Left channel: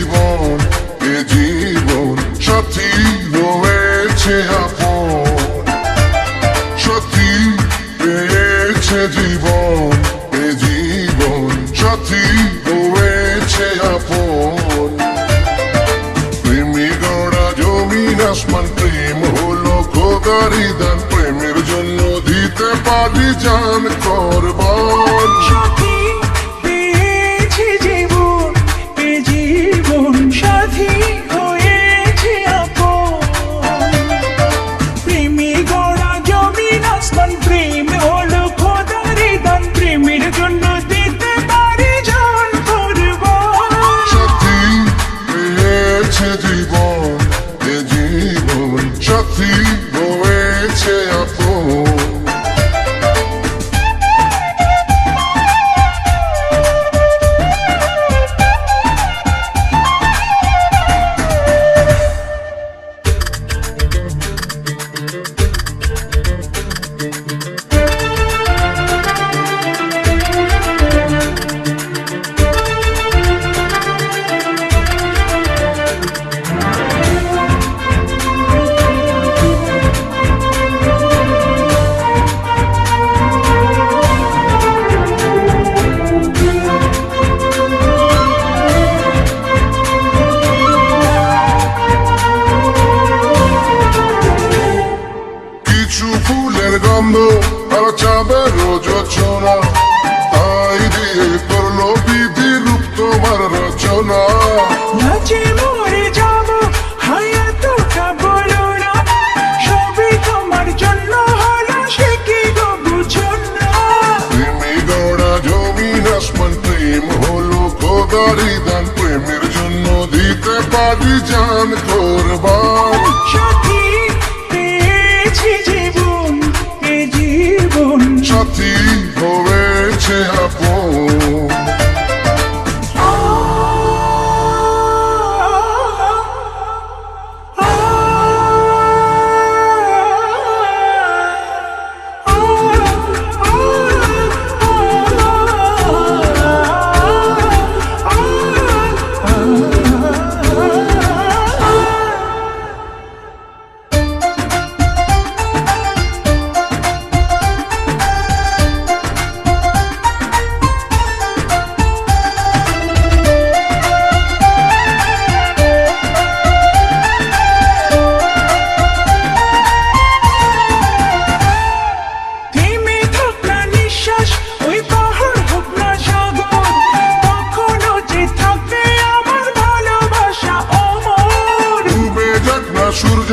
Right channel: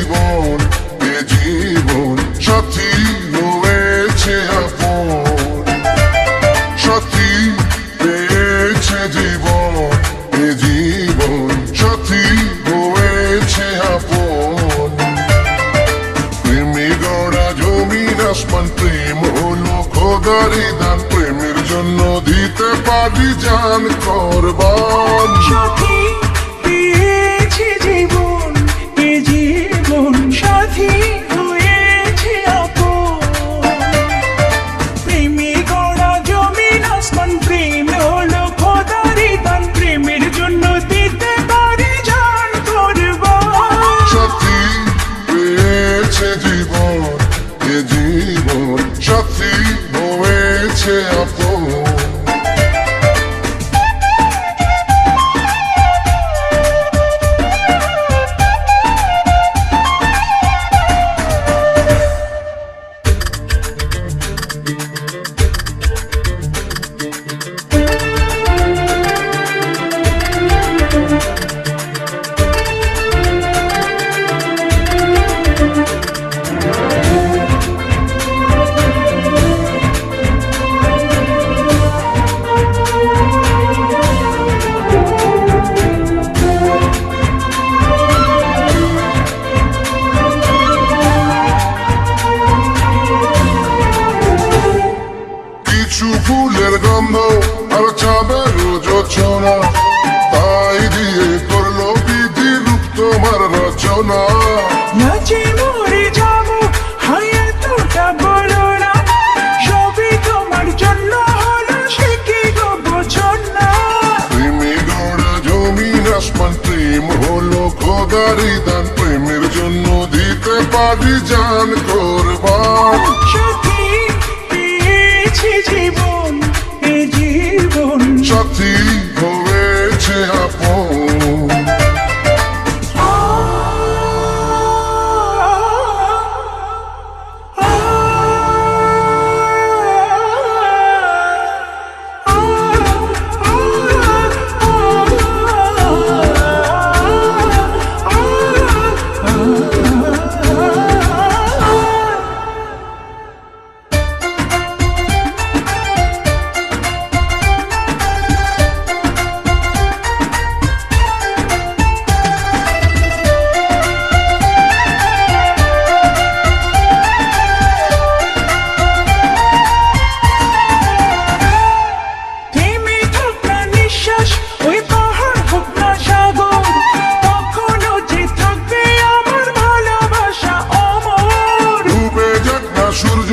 জীবন এ জীবন সাথী রয়েছে আপন সাথী পেয়েছে জীবন এ জীবন সাথী রয়েছে আপন প্রেমী গড়া জমিন আসমান প্রেম হলো খোদারি দান প্রেমের জন্য দিতে পারি জান করবান জীবন এ জীবন সাথী হয়েছে আপন গন্ধ আর চাঁদের যোচনা তাই দিয়ে করলো বিধির তোমার রচনা নাচে মরে যাবো হায়াতটা বলো না সবই তোমার জন্য হলো সে কি গো বুঝো না প্রেমে গড়া জমিন আসমান প্রেম হলো খোদারি দান প্রেমের জন্য দিতে পারি জান করবান সাথী পেয়েছে জীবন এ জীবন সাথী হয়েছে আপন সূর্য